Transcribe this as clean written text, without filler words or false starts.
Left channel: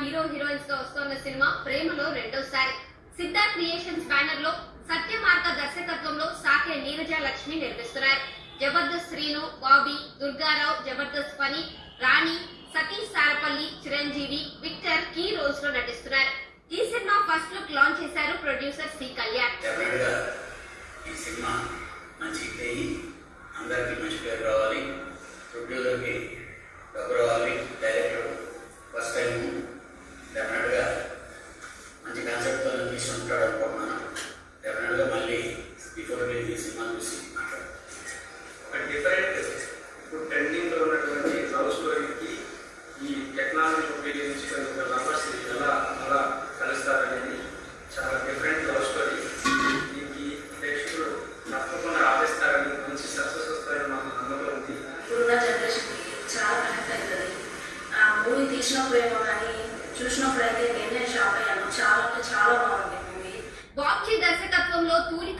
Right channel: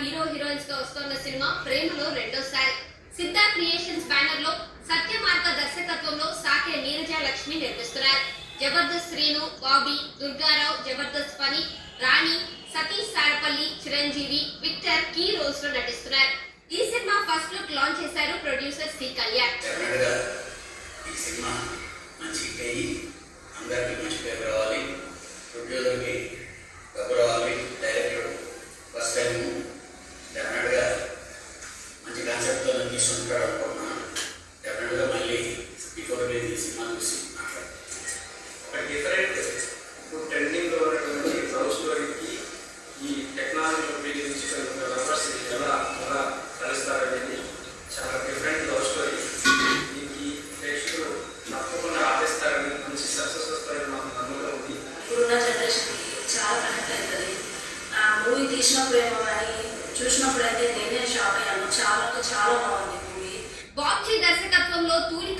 Hero heroines తో వస్తున్న cinema ప్రేమలో రెండోసారి. సిద్ధా క్రియేషన్స్ బ్యానర్ లో సత్యమార్గ దర్శకత్వంలో సాకే నీరజ లక్ష్మి నిర్మిస్తున్నారు. Jabardasth Srinu, Bobby, Durgarao, Jabardasth Phani, Rani, Satish Sarapalli, Chiranjeevi, Victor key roles లో నటిస్తున్నారు. ఈ సినిమా ఫస్ట్ లుక్ లాంచ్ చేశారు ప్రొడ్యూసర్ సి కళ్యాణ్. ఈ సినిమా మంచి అందరికీ మంచి పేరు రావాలి, ప్రొడ్యూసర్కి డబ్బు రావాలి, డైరెక్టర్ ఫస్ట్ టైం డెఫినెట్గా మంచి కాన్సెప్ట్తో తీసుకుంటాడు అనుకుంటున్నాను. డెఫినెట్గా మళ్ళీ బిఫోర్ రిలీజ్ ఈ సినిమా చూసి మాట్లాడతాను. ఒక డిఫరెంట్ ఇప్పుడు ట్రెండింగ్లో ఉన్నటువంటి లవ్ స్టోరీకి ఈ టెక్నాలజీ ఉపయోగించుకున్న లవర్స్ ఎలా కలుస్తారనేది చాలా డిఫరెంట్ లవ్ స్టోరీ. దీనికి ప్రేక్షకులు తప్పకుండా ఆదరిస్తారని, మంచి సక్సెస్ వస్తారని మాకు నమ్మకం ఉంది. ఇప్పుడున్న జనరేషన్కి చాలా కనెక్ట్ అవుతుంది. ఆ మూవీ తీసినప్పుడు ఏమో కానీ చూసినప్పుడు అయితే నేనే షాక్ అయ్యాను. చాలా బాగుంది మూవీ. బాబ్జీ దర్శకత్వంలో తూలిక